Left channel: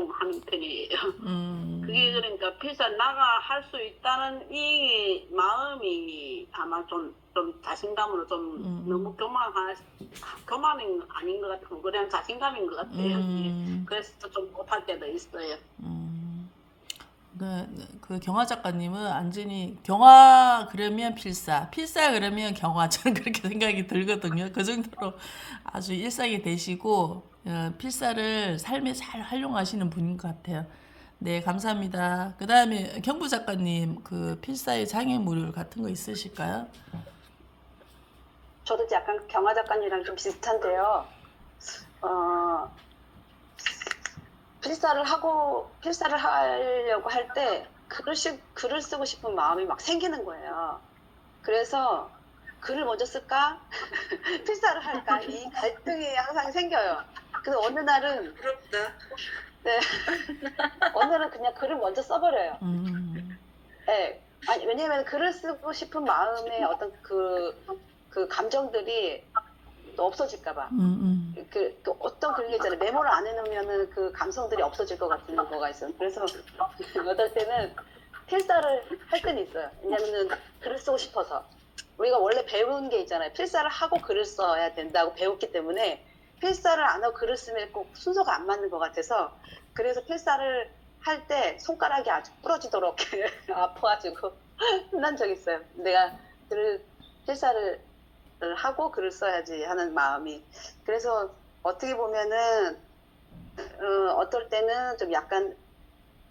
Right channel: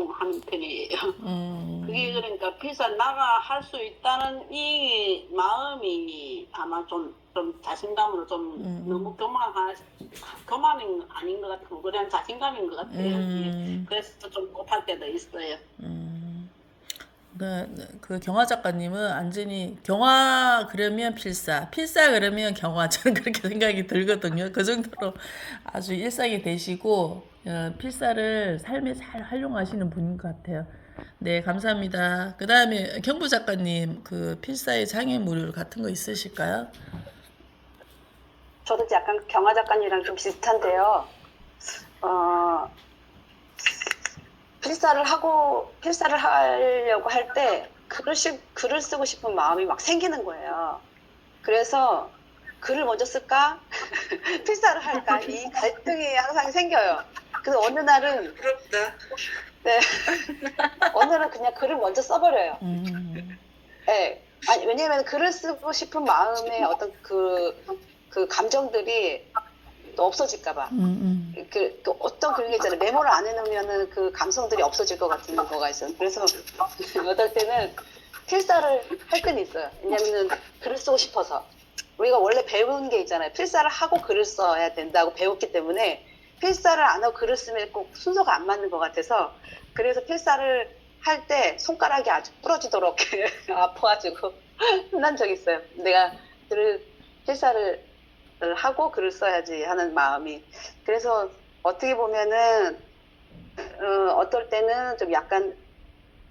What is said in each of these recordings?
활용하는 편이에요. 그게 음, 그러니까 필사 나가 할 수 있다는 이 마음이 아마 좀 자신감으로 좀 너무 음, 교만은 아닌 것 같고 그냥 자신감인 것 같아요. 예. 음, 그래서 좀 못할 때도 있어요. 음. 그 경화 작가님은 완전히 경화 그러면 필사, 필사 그러면 경화 저는 그렇게 생각이 들거든요. 그 정도로 아주 일상이 되시고 필사를 삶에 잘 활용하시는 분인 것 같아요. 네, 감사합니다. 그 다음에 경부 작가님 그 필사의 장애물 같은 거 있으실까요? 저도 약간 경화 작가님이랑 좀 비슷한데요. 어, 필사를 하려고 할 때 글을 쓰고 싶은 마음이 막 생기는 거예요. 그래서 글을 먼저 쓸까? 필사를 할까? 이 갈등이 항상 생겨요. 그래서 부럽다. 네, 어느 날은 그냥 글을 먼저 써버려요. 음, 네. 아니, 왜냐면 글을 쓰고 싶은 마음의 어떤 그 감정들이 또 없어질까봐. 음, 또 어떤 그런 게 있잖아요. 메모를 안 해놓으면은 그 감성들이 없어질 것 같은 거가 있어요. 그래서 어떨 때는 필사를 할 때는 있어요. 왜냐면은 글을 쓰고 싶어서. 우리가 원래 배운 게 있잖아요. 필사를 하고 글을 써야 된다고 배웠기 때문에 필사를 안 하고 글을 쓰면 꼭 순서가 안 맞는 것 같아서 그래서 필사를 할 때 손가락이 아주 부러지도록 아파가지고 혼난 적이 있어요. 내가 필사를 하고 글을 써야지 하는 마음이. 그래서 어떻게 보면은 어떨 때는 좀 약간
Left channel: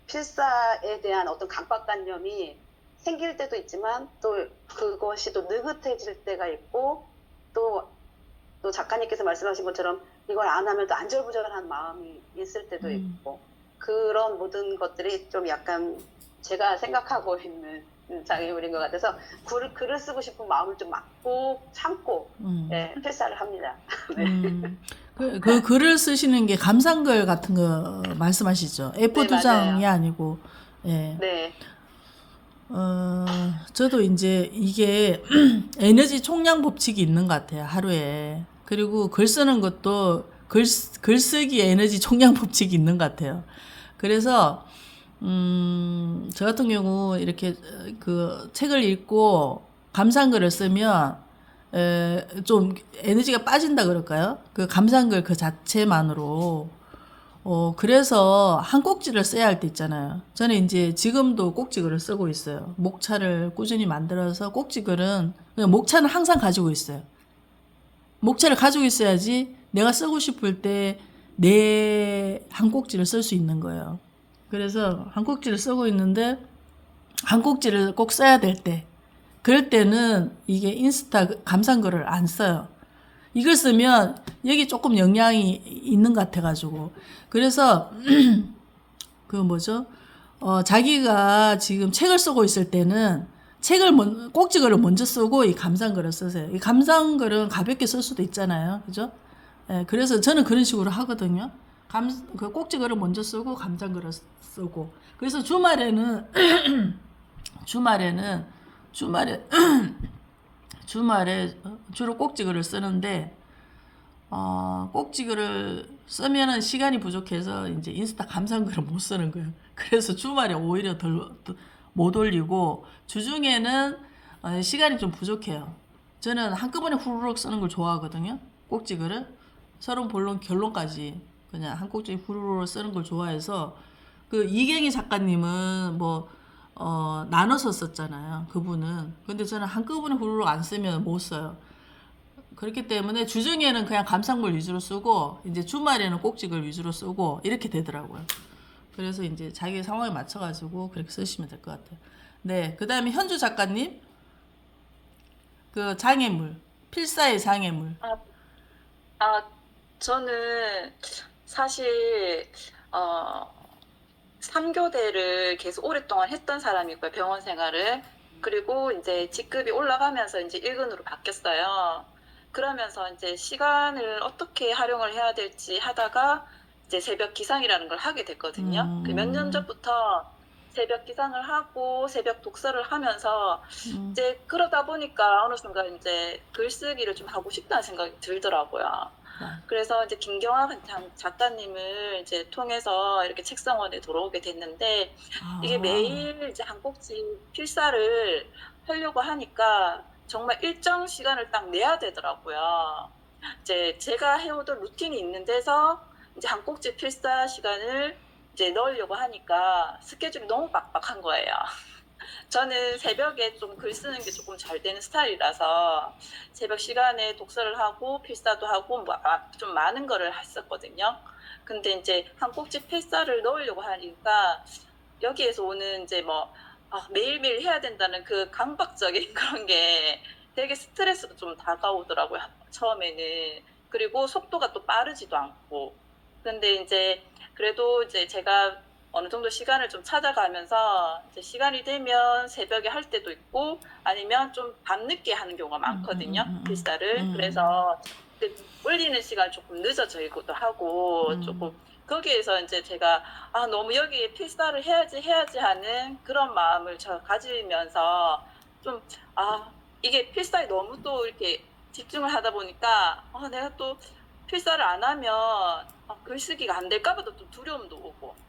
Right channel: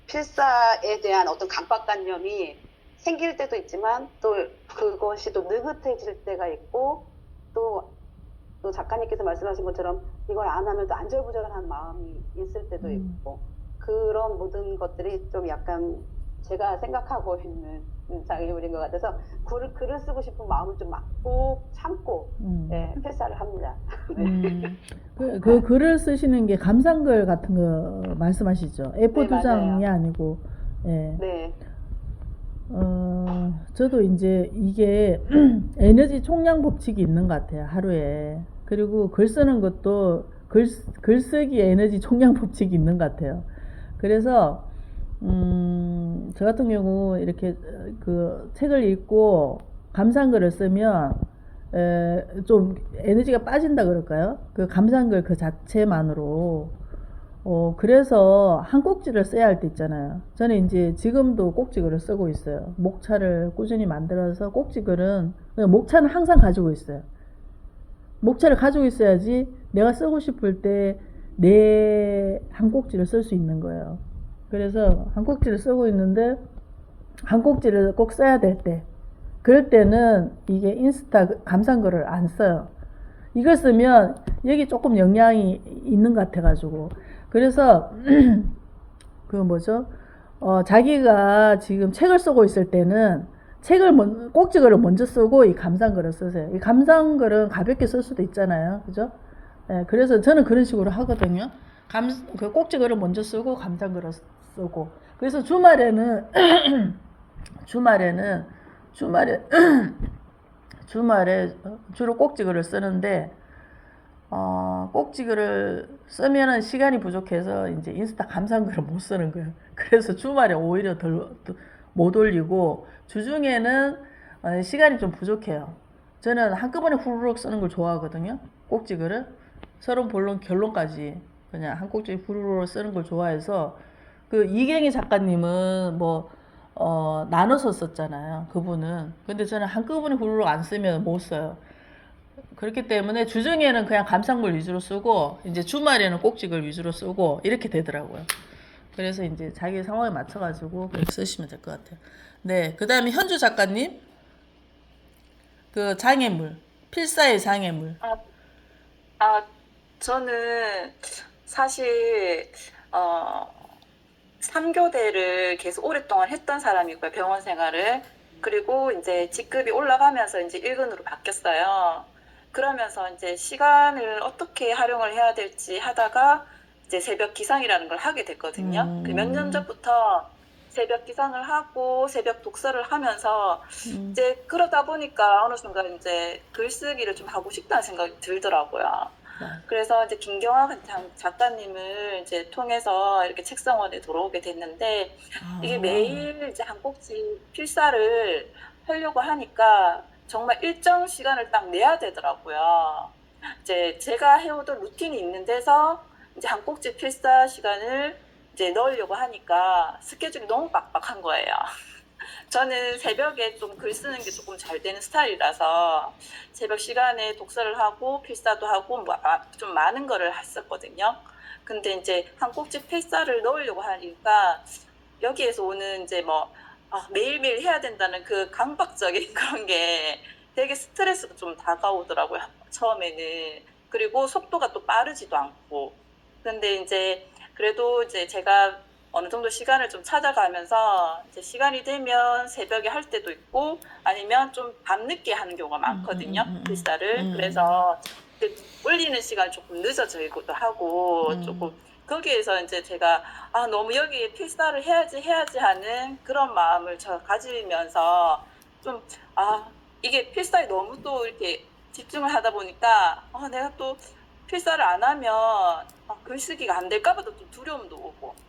필사에 대한 어떤 강박관념이 생길 때도 있지만 또 그것이 또 느긋해질 때가 있고 또 작가님께서 말씀하신 것처럼 이걸 안 하면 또 안절부절한 마음이 있을 때도 있고 그런 모든 것들이 좀 약간 제가 생각하고 있는 장애물인 것 같아서 글을 쓰고 싶은 마음을 좀 막고 참고 음. 예, 필사를 합니다. 네. 그 글을 쓰시는 게 감상글 같은 거 말씀하시죠? 네, A4 2장이 맞아요. 아니고, 예. 네. 저도 이제 이게 에너지 총량 법칙이 있는 것 같아요, 하루에. 그리고 글 쓰는 것도 글쓰기 에너지 총량 법칙이 있는 것 같아요. 그래서, 저 같은 경우 이렇게 그 책을 읽고 감상글을 쓰면 좀 에너지가 빠진다 그럴까요? 그 감상글 그 자체만으로 그래서 한 꼭지를 써야 할 때 있잖아요. 저는 이제 지금도 꼭지글을 쓰고 있어요. 목차를 꾸준히 만들어서 꼭지글은, 그냥 목차는 항상 가지고 있어요. 목차를 가지고 있어야지 내가 쓰고 싶을 때 내 한 꼭지를 쓸 수 있는 거예요. 그래서 한 꼭지를 쓰고 있는데, 한 꼭지를 꼭 써야 될 때, 그럴 때는 이게 인스타 감상글을 안 써요. 이걸 쓰면 여기 조금 영향이 있는 것 같아가지고. 그래서 그 뭐죠? 자기가 지금 책을 쓰고 있을 때는 꼭지글을 먼저 쓰고 이 감상글을 쓰세요. 이 감상글은 가볍게 쓸 수도 있잖아요. 그죠? 예, 그래서 저는 그런 식으로 하거든요. 그 꼭지글을 먼저 쓰고 감상글을 쓰고. 그래서 주말에는 주말에는 주말에 주말에 주로 꼭지글을 쓰는데 꼭지글을 쓰면은 시간이 부족해서 이제 인스타 감상글을 못 쓰는 거예요. 그래서 주말에 오히려 못 올리고 주중에는 시간이 좀 부족해요. 저는 한꺼번에 후루룩 쓰는 걸 좋아하거든요. 꼭지글을 서론 본론 결론까지 그냥 한 꼭지 후루룩 쓰는 걸 좋아해서 그 이경희 작가님은 뭐 나눠서 썼잖아요. 그분은. 근데 저는 한꺼번에 후루룩 안 쓰면 못 써요. 그렇기 때문에 주중에는 그냥 감상물 위주로 쓰고 이제 주말에는 꼭지글 위주로 쓰고 이렇게 되더라고요. 그래서 이제 자기 상황에 맞춰가지고 그렇게 쓰시면 될 것 같아요. 네, 그 다음에 현주 작가님 그 장애물 필사의 장애물. 아, 아, 저는 사실, 어, 3교대를 계속 오랫동안 했던 사람이고요, 병원 생활을. 그리고 이제 직급이 올라가면서 이제 1군으로 바뀌었어요. 그러면서 이제 시간을 어떻게 활용을 해야 될지 하다가 이제 새벽 기상이라는 걸 하게 됐거든요. 그 몇 년 전부터 새벽 기상을 하고 새벽 독서를 하면서 이제 그러다 보니까 어느 순간 이제 글쓰기를 좀 하고 싶다는 생각이 들더라고요. 그래서 이제 김경화 작가님을 이제 통해서 이렇게 책성원에 들어오게 됐는데 이게 매일 이제 한 꼭지 필사를 하려고 하니까 정말 일정 시간을 딱 내야 되더라고요. 이제 제가 해오던 루틴이 있는 데서 이제 한 꼭지 필사 시간을 이제 넣으려고 하니까 스케줄이 너무 빡빡한 거예요. 저는 새벽에 좀 글 쓰는 게 조금 잘 되는 스타일이라서 새벽 시간에 독서를 하고 필사도 하고 좀 많은 거를 했었거든요. 근데 이제 한 꼭지 필사를 넣으려고 하니까 여기에서 오는 이제 뭐 매일매일 해야 된다는 그 강박적인 그런 게 되게 스트레스도 좀 다가오더라고요. 처음에는. 그리고 속도가 또 빠르지도 않고. 근데 이제 그래도 이제 제가 어느 정도 시간을 좀 찾아가면서 이제 시간이 되면 새벽에 할 때도 있고 아니면 좀 밤늦게 하는 경우가 많거든요. 필사를. 그래서 올리는 시간이 조금 늦어지기도 하고 조금 거기에서 이제 제가 너무 여기에 필사를 해야지 하는 그런 마음을 저 가지면서 좀 이게 필사에 너무 또 이렇게 집중을 하다 보니까 내가 또 필사를 안 하면 글쓰기가 안 될까 봐도 좀 두려움도 오고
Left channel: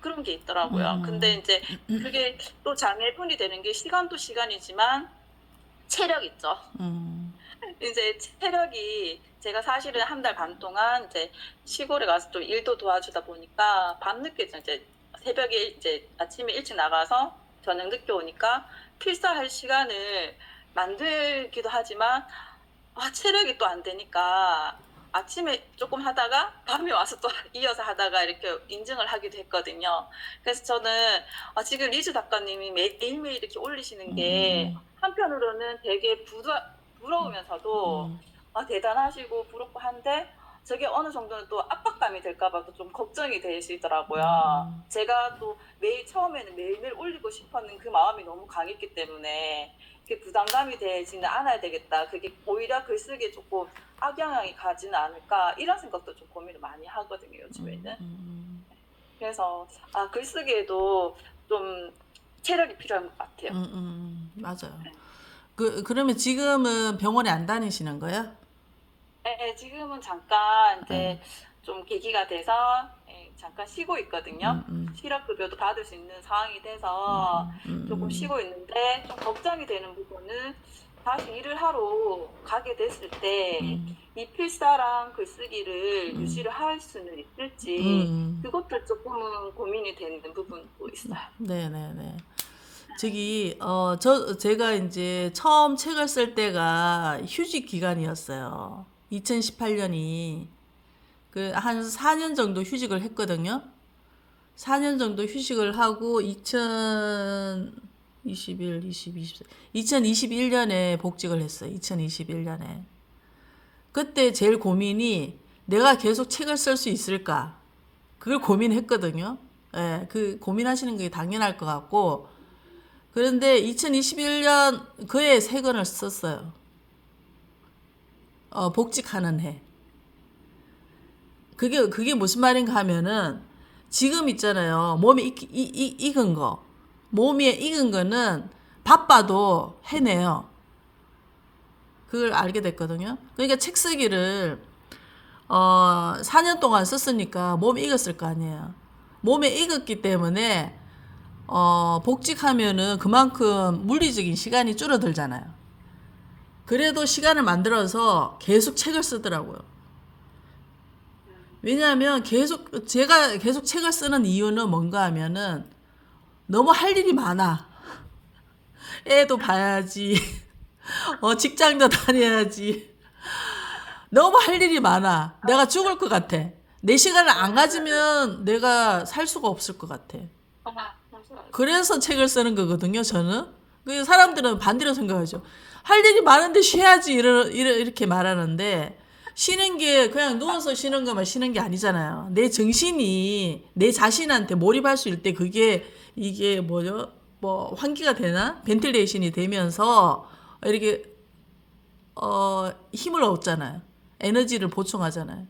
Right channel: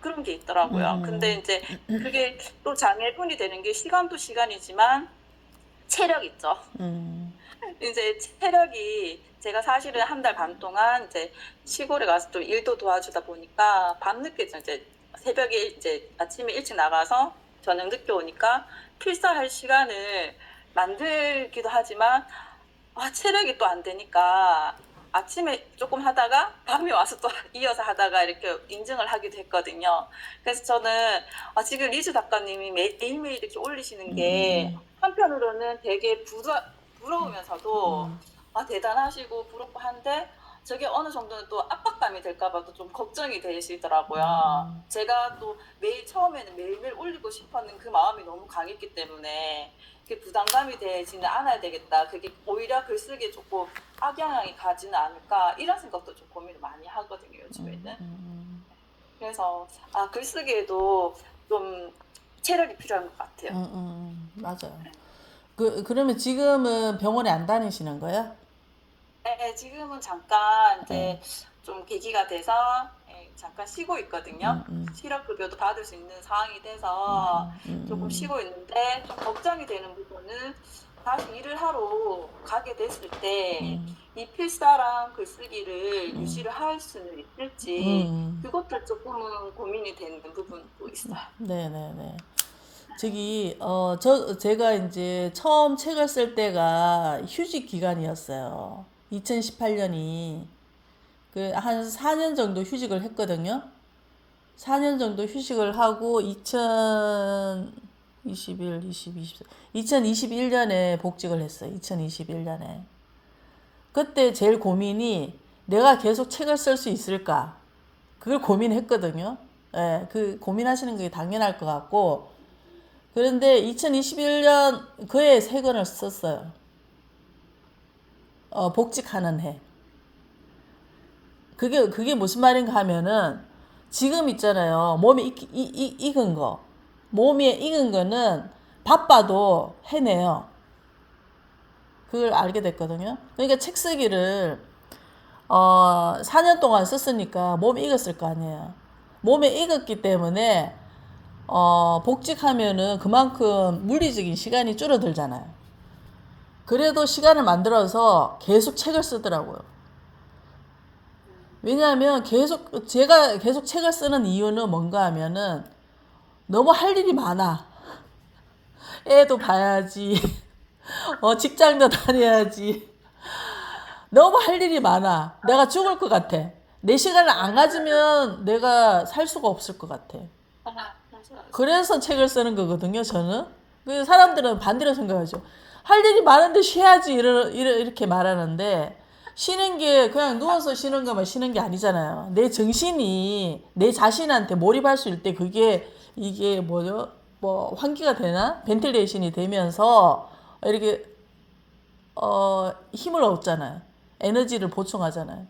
그런 게 있더라고요. 근데 이제 그게 또 장애분이 되는 게 시간도 시간이지만 체력 있죠. 이제 체력이 제가 사실은 한 달 반 동안 이제 시골에 가서 좀 일도 도와주다 보니까 밤늦게 이제 새벽에 이제 아침에 일찍 나가서 저녁 늦게 오니까 필사할 시간을 만들기도 하지만 체력이 또 안 되니까 아침에 조금 하다가 밤에 와서 또 이어서 하다가 이렇게 인증을 하기도 했거든요. 그래서 저는 지금 리즈 작가님이 매일매일 이렇게 올리시는 게 한편으로는 되게 부러우면서도 대단하시고 부럽고 한데 저게 어느 정도는 또 압박감이 될까봐도 좀 걱정이 되시더라고요. 제가 또 처음에는 매일매일 올리고 싶었는 그 마음이 너무 강했기 때문에 그게 부담감이 되지는 않아야 되겠다. 그게 오히려 글쓰기에 조금 악영향이 가지는 않을까 이런 생각도 좀 고민을 많이 하거든요. 요즘에는. 그래서 글쓰기에도 좀 체력이 필요한 것 같아요. 맞아요. 그러면 지금은 병원에 안 다니시는 거예요? 네, 지금은 잠깐 이제 좀 계기가 돼서 잠깐 쉬고 있거든요. 실업급여도 받을 수 있는 상황이 돼서 조금 쉬고 있는데 좀 걱정이 되는 부분은 다시 일을 하러 가게 됐을 때 이 필사랑 글쓰기를 유지를 할 수는 있을지 그것도 조금은 고민이 되는 부분도 있어요. 네네네. 제가 이제 처음 책을 쓸 때가 휴직 기간이었어요. 2018년이 한 4년 정도 휴직을 했거든요. 4년 정도 휴직을 하고 2021년에 복직을 했어요. 2021년에. 그때 제일 고민이 내가 계속 책을 쓸 수 있을까? 그걸 고민했거든요. 예, 그 고민하시는 게 당연할 것 같고. 그런데 2021년 그해 3권을 썼어요. 복직하는 해. 그게 무슨 말인가 하면은 지금 있잖아요. 몸이 익은 거. 몸이 익은 거는 바빠도 해내요. 그걸 알게 됐거든요. 그러니까 책 쓰기를 4년 동안 썼으니까 몸이 익었을 거 아니에요. 몸에 익었기 때문에 복직하면은 그만큼 물리적인 시간이 줄어들잖아요. 그래도 시간을 만들어서 계속 책을 쓰더라고요. 왜냐하면 제가 계속 책을 쓰는 이유는 뭔가 하면은 너무 할 일이 많아. 애도 봐야지. 직장도 다녀야지. 너무 할 일이 많아. 내가 죽을 것 같아. 내 시간을 안 가지면 내가 살 수가 없을 것 같아. 그래서 책을 쓰는 거거든요, 저는. 그 사람들은 반대로 생각하죠. 할 일이 많은데 쉬어야지 이렇게 말하는데 쉬는 게 그냥 누워서 쉬는 것만 쉬는 게 아니잖아요. 내 정신이 내 자신한테 몰입할 수 있을 때 이게 뭐죠? 환기가 되나? 벤틸레이션이 되면서 이렇게 힘을 얻잖아요. 에너지를 보충하잖아요.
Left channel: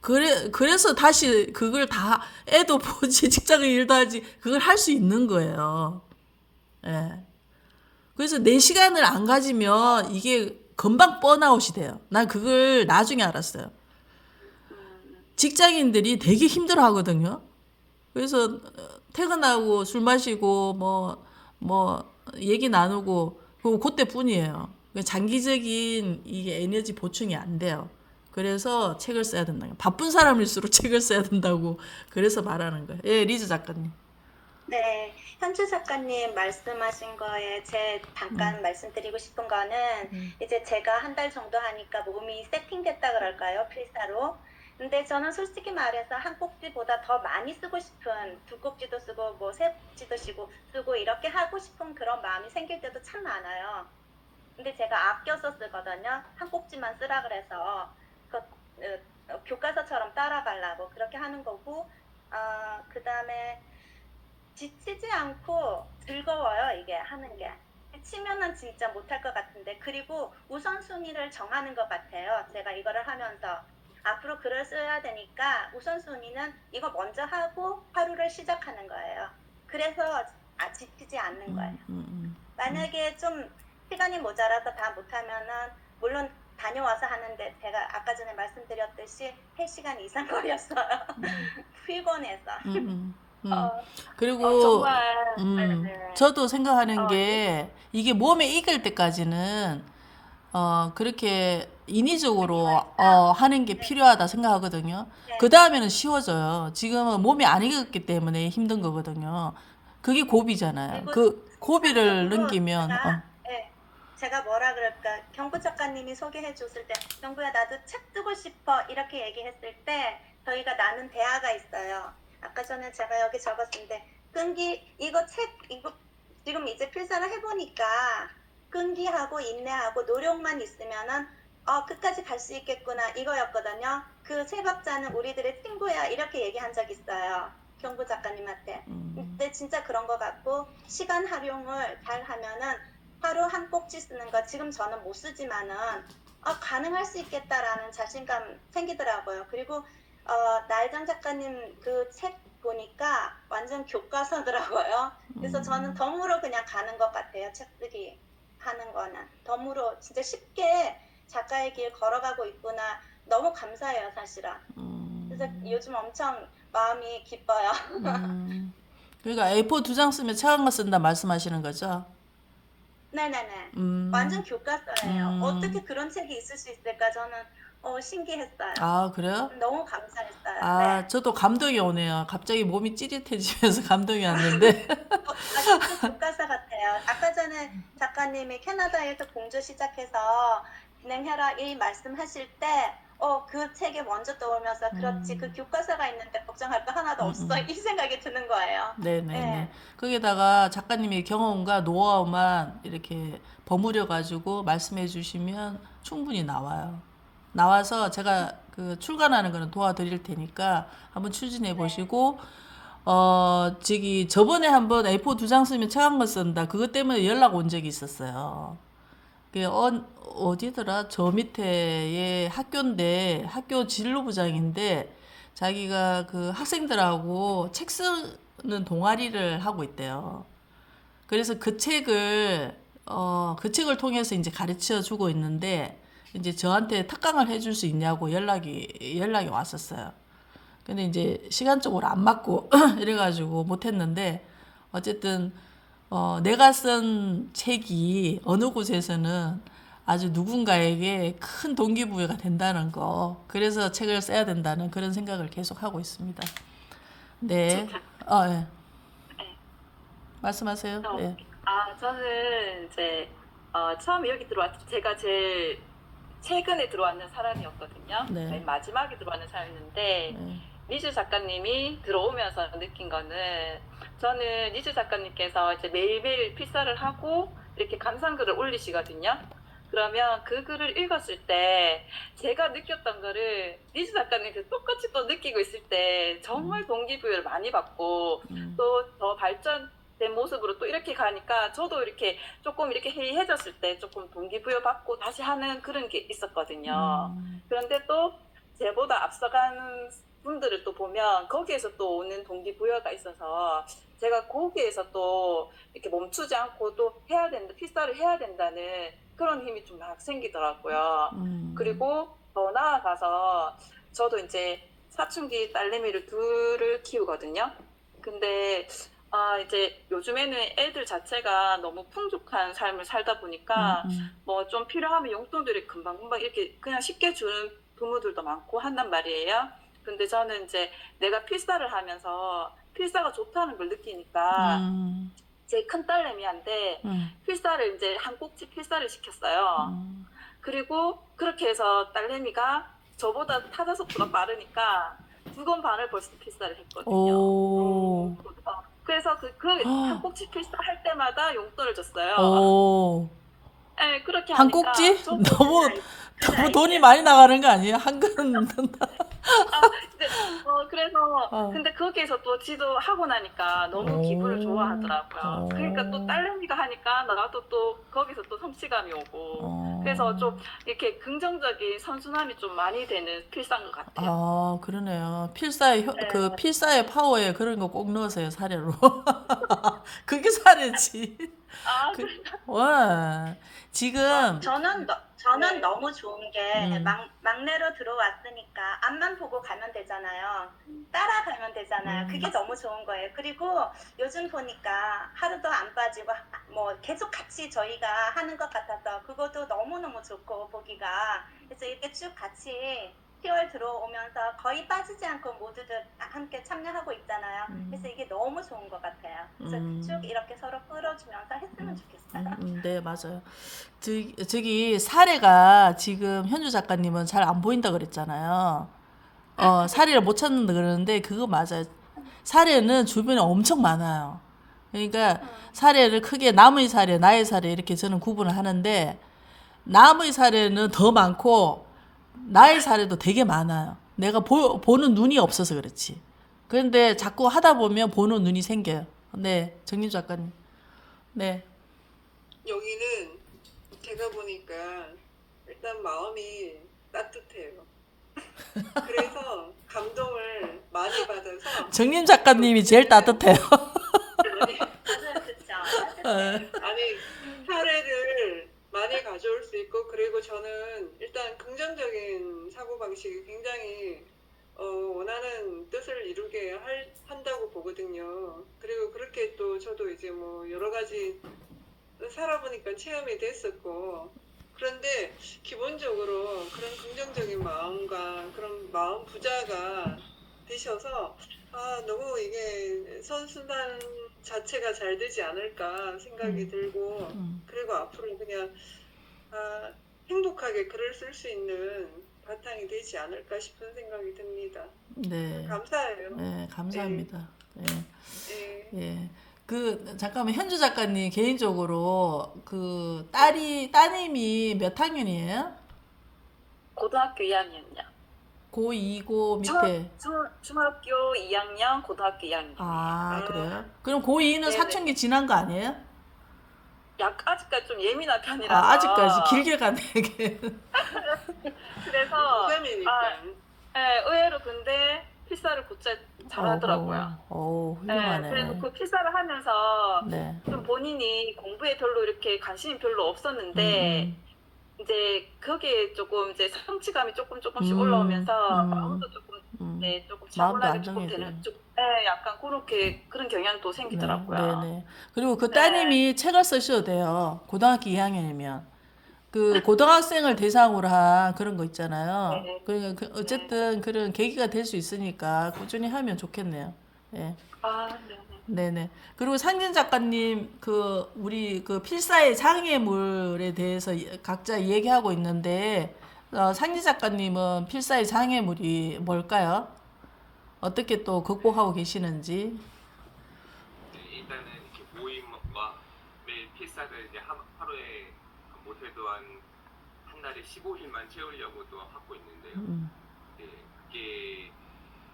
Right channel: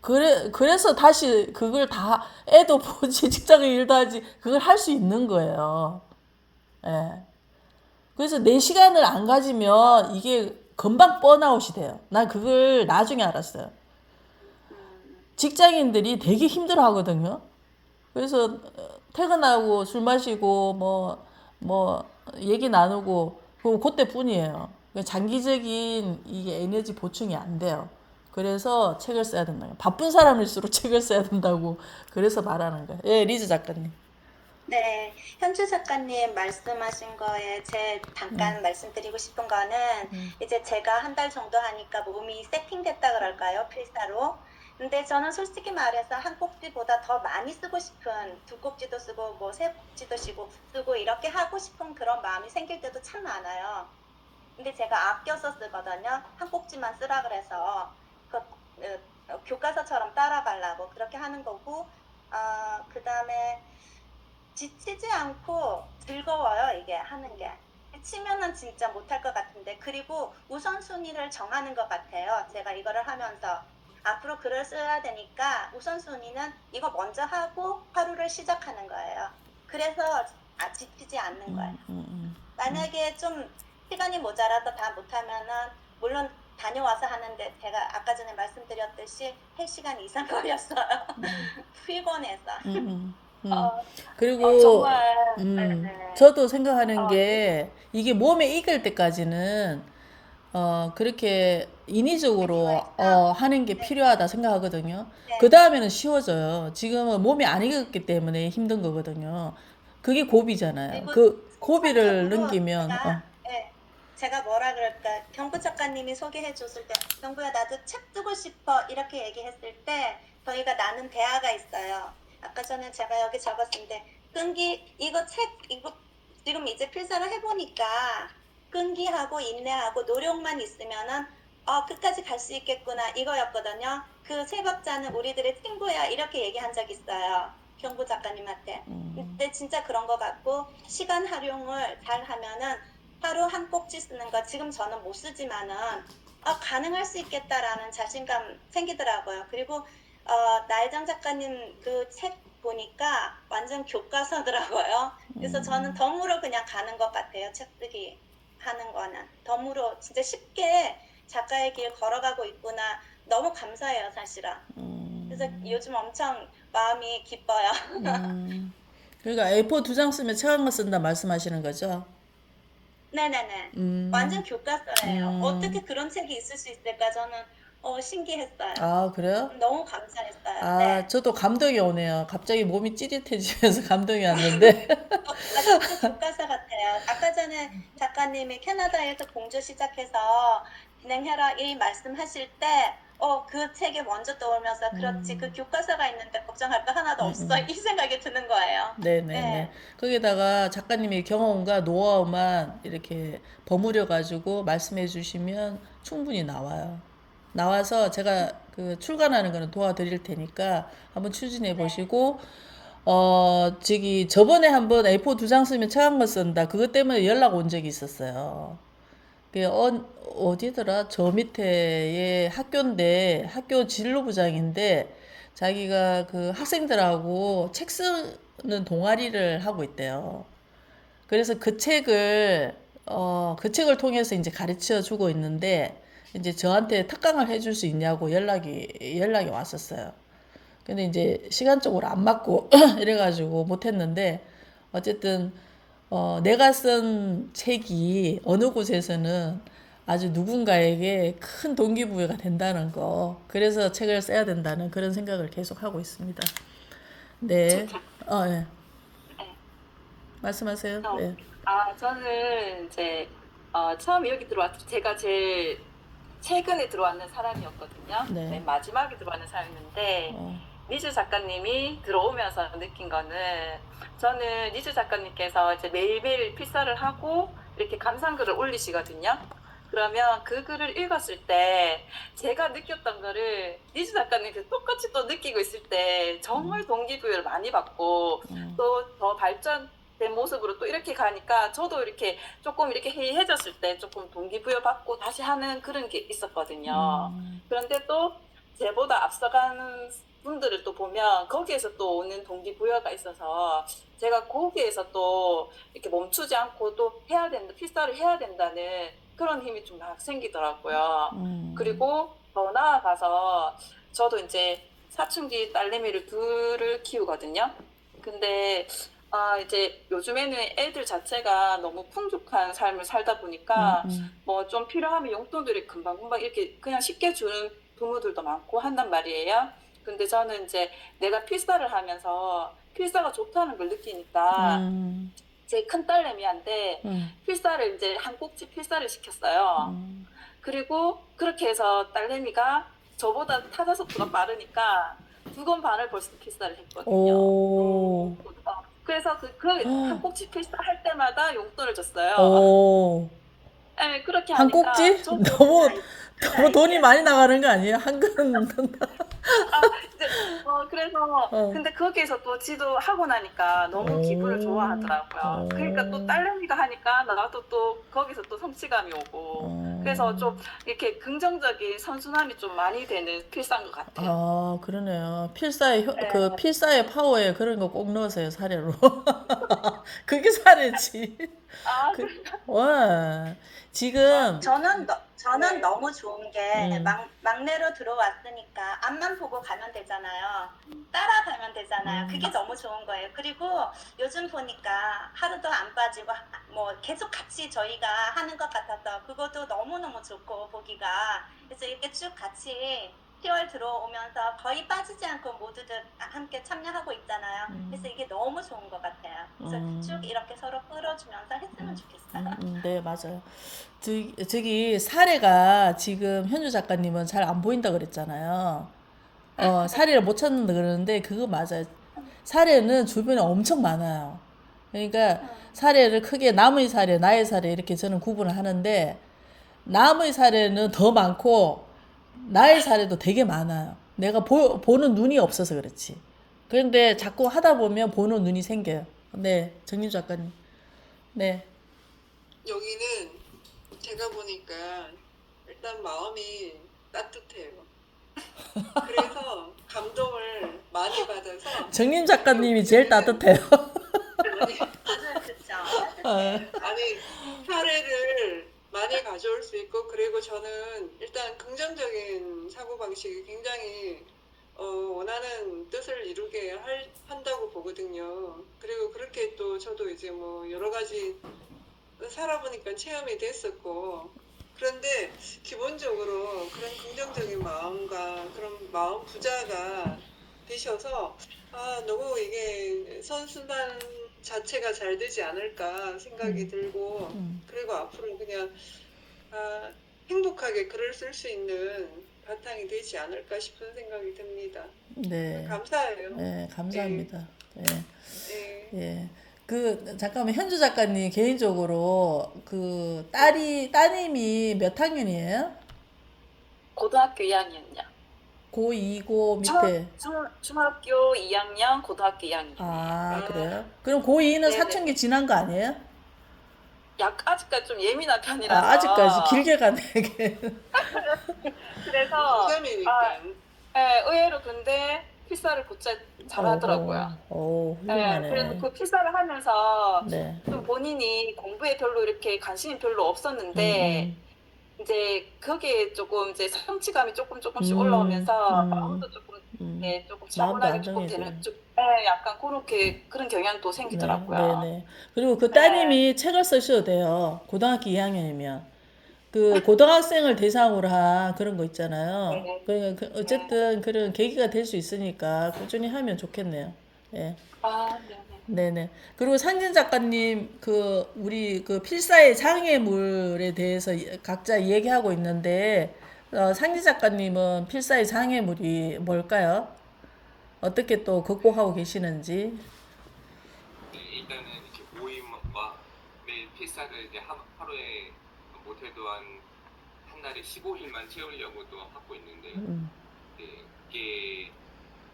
그래서 다시 그걸 다 애도 보지 직장에 일도 하지 그걸 할 수 있는 거예요. 예. 그래서 내 시간을 안 가지면 이게 금방 번아웃이 돼요. 난 그걸 나중에 알았어요. 직장인들이 되게 힘들어 하거든요. 그래서 퇴근하고 술 마시고 뭐 얘기 나누고 그때뿐이에요. 장기적인 이게 에너지 보충이 안 돼요. 그래서 책을 써야 된다. 바쁜 사람일수록 책을 써야 된다고 그래서 말하는 거예요. 예, 리즈 작가님. 네, 현주 작가님 말씀하신 거에 잠깐 말씀드리고 싶은 거는 이제 제가 한 달 정도 하니까 몸이 세팅됐다 그럴까요? 필사로. 근데 저는 솔직히 말해서 한 꼭지보다 더 많이 쓰고 싶은 두 꼭지도 쓰고 뭐 세 꼭지도 쓰고 이렇게 하고 싶은 그런 마음이 생길 때도 참 많아요. 근데 제가 아껴서 쓰거든요. 한 꼭지만 쓰라 그래서 교과서처럼 따라가려고 그렇게 하는 거고 그 다음에 지치지 않고 즐거워요. 이게 하는 게. 치면은 진짜 못할 것 같은데 그리고 우선순위를 정하는 것 같아요. 제가 이거를 하면서 앞으로 글을 써야 되니까 우선순위는 이거 먼저 하고 하루를 시작하는 거예요. 그래서 지치지 않는 거예요. 만약에 좀 시간이 모자라서 다 못하면은 물론 다녀와서 하는데 제가 아까 전에 말씀드렸듯이 3시간 이상 걸렸어요. 피곤해서. 그리고 정말 네. 저도 생각하는 게 이게 몸에 익을 때까지는 그렇게 인위적으로 하는 게 필요하다 생각하거든요. 네. 그 다음에는 쉬워져요. 지금은 몸이 안 익었기 때문에 힘든 거거든요. 그게 고비잖아요. 그리고 그 고비를 순간적으로 넘기면 제가 뭐라 그럴까 경구 작가님이 소개해 줬을 때 경구야 나도 책 쓰고 싶어 이렇게 얘기했을 때 저희가 나눈 대화가 있어요. 아까 전에 제가 여기 적었는데 이거 지금 이제 필사를 해보니까 끈기하고 인내하고 노력만 있으면은 끝까지 갈 수 있겠구나 이거였거든요. 그 세 박자는 우리들의 친구야 이렇게 얘기한 적 있어요. 경구 작가님한테. 근데 진짜 그런 것 같고 시간 활용을 잘 하면은 하루 한 꼭지 쓰는 거 지금 저는 못 쓰지만은 가능할 수 있겠다라는 자신감 생기더라고요. 그리고 나혜정 작가님 그 책 보니까 완전 교과서더라고요. 그래서 저는 덤으로 그냥 가는 것 같아요. 책 쓰기 하는 거는 덤으로 진짜 쉽게 작가의 길 걸어가고 있구나. 너무 감사해요, 사실은. 그래서 요즘 엄청 마음이 기뻐요. 그러니까 A4 2장 쓰면 책 한 권 쓴다 말씀하시는 거죠? 네네네. 완전 교과서예요. 어떻게 그런 책이 있을 수 있을까? 저는 신기했어요. 아, 그래요? 너무 감사했어요. 아, 네. 저도 감동이 오네요. 갑자기 몸이 찌릿해지면서 감동이 왔는데. 진짜 교과서 같아요. 아까 전에 작가님이 캐나다에서 공조 시작해서 진행해라 이 말씀하실 때 그 책에 먼저 떠오르면서 그렇지 그 교과서가 있는데 걱정할 거 하나도 없어 이 생각이 드는 거예요. 네네네. 네. 거기다가 작가님의 경험과 노하우만 이렇게 버무려 가지고 말씀해 주시면 충분히 나와요. 나와서 제가 그 출간하는 거는 도와드릴 테니까 한번 추진해 보시고 저번에 한번 A4 2장 쓰면 책 한 권 쓴다. 그것 때문에 연락 온 적이 있었어요. 어디더라? 저 밑에의 학교인데 학교 진로부장인데 자기가 그 학생들하고 책 쓰는 동아리를 하고 있대요. 그래서 그 책을 통해서 이제 가르쳐 주고 있는데 이제 저한테 특강을 해줄 수 있냐고 연락이 왔었어요. 근데 이제 시간적으로 안 맞고 이래가지고 못했는데 어쨌든 내가 쓴 책이 어느 곳에서는 아주 누군가에게 큰 동기부여가 된다는 거. 그래서 책을 써야 된다는 그런 생각을 계속 하고 있습니다. 네. 네. 말씀하세요. 네. 저는 이제 처음에 여기 제가 제일 최근에 들어왔는 사람이었거든요. 네. 맨 마지막에 들어왔는 사람이었는데 네. 니즈 작가님이 들어오면서 느낀 거는 저는 니즈 작가님께서 이제 매일매일 필사를 하고 이렇게 감상글을 올리시거든요. 그러면 그 글을 읽었을 때 제가 느꼈던 거를 니즈 작가님께서 똑같이 또 느끼고 있을 때 정말 동기부여를 많이 받고 또 더 발전된 모습으로 또 이렇게 가니까 저도 이렇게 조금 이렇게 해이해졌을 때 조금 동기부여 받고 다시 하는 그런 게 있었거든요. 그런데 또 제보다 앞서가는 분들을 또 보면 거기에서 또 오는 동기부여가 있어서 제가 거기에서 또 이렇게 멈추지 않고 또 해야 된다, 필사를 해야 된다는 그런 힘이 좀 막 생기더라고요. 그리고 더 나아가서 저도 이제 사춘기 딸내미를 둘을 키우거든요. 근데 이제 요즘에는 애들 자체가 너무 풍족한 삶을 살다 보니까 뭐 좀 필요하면 용돈들이 금방금방 이렇게 그냥 쉽게 주는 부모들도 많고 한단 말이에요. 근데 저는 이제 내가 필사를 하면서 필사가 좋다는 걸 느끼니까 제 큰 딸내미한테 필사를 이제 한 꼭지 필사를 시켰어요. 그리고 그렇게 해서 딸내미가 저보다 타자 속도가 빠르니까 2권 반을 벌써 필사를 했거든요. 오. 그래서 그 한 꼭지 필사 할 때마다 용돈을 줬어요. 오. 네, 그렇게 한 하니까 꼭지? 저도 너무 돈이 많이 나가는 거 아니에요? 한 그릇 이제 그래서 어. 근데 거기에서 또 지도 하고 나니까 너무 기분을 좋아하더라고요. 그러니까 또 오. 딸내미가 하니까 나도 또 거기서 또 성취감이 오고 그래서 좀 이렇게 긍정적인 선순환이 좀 많이 되는 필사인 것 같아요. 아, 그러네요. 필사의 네. 그 필사의 파워에 그런 거 꼭 넣으세요, 사례로. 그게 사례지. 그, 와. 지금 저는 네. 너무 좋은 게 음. 막내로 들어왔으니까 앞만 보고 가면 되잖아요. 따라가면 되잖아요. 그게 너무 좋은 거예요. 그리고 요즘 보니까 하루도 안 빠지고 뭐 계속 같이 저희가 하는 것 같아서 그것도 너무너무 좋고 보기가 그래서 이렇게 쭉 같이 10월 들어오면서 거의 빠지지 않고 모두들 함께 참여하고 있잖아요. 그래서 이게 너무 좋은 것 같아요. 그래서 쭉 이렇게 서로 끌어주면서 했으면 좋겠어요. 네, 맞아요. 저기 사례가 지금 현주 작가님은 잘 안 보인다 그랬잖아요. 사례를 못 찾는다 그러는데 그거 맞아요. 사례는 주변에 엄청 많아요. 그러니까 사례를 크게 남의 사례, 나의 사례 이렇게 저는 구분을 하는데 남의 사례는 더 많고 나의 사례도 되게 많아요. 내가 보는 눈이 없어서 그렇지. 그런데 자꾸 하다 보면 보는 눈이 생겨요. 네, 정림 작가님. 네. 여기는 제가 보니까 일단 마음이 따뜻해요. 그래서 감동을 많이 받아서 정림 작가님이 제일 따뜻해요. 그렇죠. 아니 사례를 많이 가져올 수 있고 그리고 저는 일단 긍정적인 사고방식이 굉장히 원하는 뜻을 이루게 한다고 보거든요. 그리고 그렇게 또 저도 이제 뭐 여러 가지 살아보니까 체험이 됐었고 그런데 기본적으로 그런 긍정적인 마음과 그런 마음 부자가 계셔서 너무 이게 선순환 자체가 잘 되지 않을까 생각이 들고 그리고 앞으로 그냥 행복하게 글을 쓸 수 있는 바탕이 되지 않을까 싶은 생각이 듭니다. 네. 감사해요. 네, 감사합니다. 네. 예. 예. 잠깐만, 현주 작가님 개인적으로 따님이 몇 학년이에요? 고등학교 2학년이요. 고2, 고 밑에. 중학교 2학년, 고등학교 2학년이에요. 아, 그래요? 그럼 고2는 네네. 사춘기 지난 거 아니에요? 아직까지 좀 예민한 편이라서. 아직까지 길게 가네, 이게. 그래서 고3이니까. 의외로 근데 필사를 곧잘 잘하더라고요. 오, 훌륭하네. 그래서 그 필사를 하면서 네. 좀 본인이 공부에 별로 이렇게 관심이 별로 없었는데 이제 거기에 조금 이제 성취감이 조금씩 올라오면서 마음도 조금 조금 마음도 차분하게 조금 안정해지고. 되는 약간 그런 경향도 생기더라고요. 네. 그리고 그 따님이 책을 쓰셔도 돼요. 고등학교 2학년이면. 그 고등학생을 대상으로 한 그런 거 있잖아요. 네. 그러니까 어쨌든 그런 계기가 될 수 있으니까 꾸준히 하면 좋겠네요. 예. 네네. 그리고 상진 작가님, 우리 필사의 장애물에 대해서 각자 얘기하고 있는데, 상진 작가님은 필사의 장애물이 뭘까요? 어떻게 또 극복하고 계시는지? 네, 일단은 이렇게 모임과 매일 필사를 이제 하루에 못해도 한 달에 15일만 채우려고도 하고 있는데요. 네, 이게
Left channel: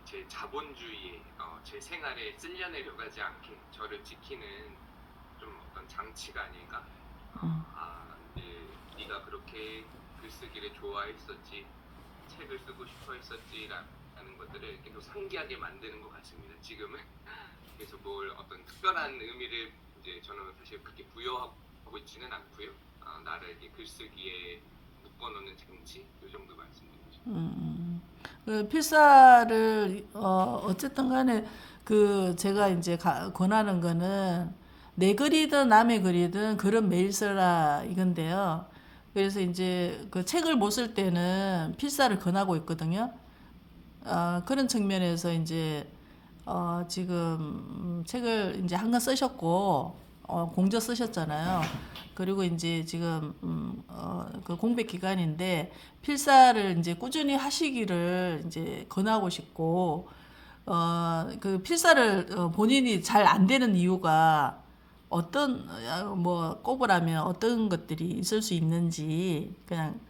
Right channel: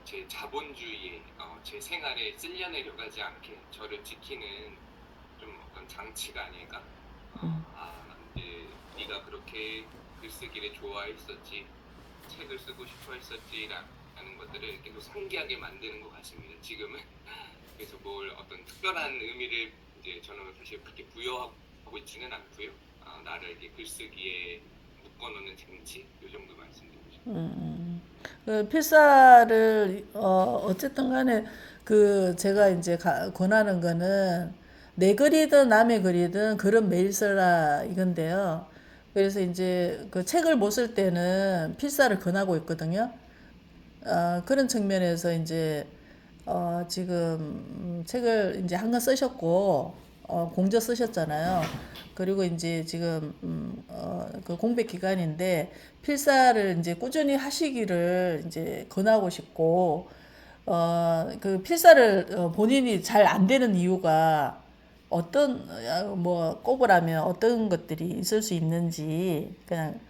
제 자본주의에 제 생활에 쓸려내려가지 않게 저를 지키는 좀 어떤 장치가 아닐까. 이제 네가 그렇게 글쓰기를 좋아했었지, 책을 쓰고 싶어했었지라는 것들을 계속 상기하게 만드는 것 같습니다. 지금은. 그래서 뭘 어떤 특별한 의미를 이제 저는 사실 그렇게 부여하고 있지는 않고요. 나를 이렇게 글쓰기에 묶어놓는 장치 이 정도 말씀드리죠. 그 필사를 어쨌든 간에 그 제가 이제 권하는 거는 내 글이든 남의 글이든 글은 매일 써라 이건데요. 그래서 이제 그 책을 못 쓸 때는 필사를 권하고 있거든요. 그런 측면에서 이제 지금 책을 이제 한 권 쓰셨고 공저 쓰셨잖아요. 그리고 이제 지금 그 공백 기간인데 필사를 이제 꾸준히 하시기를 이제 권하고 싶고 그 필사를 본인이 잘 안 되는 이유가 어떤 뭐 꼽으라면 어떤 것들이 있을 수 있는지 그냥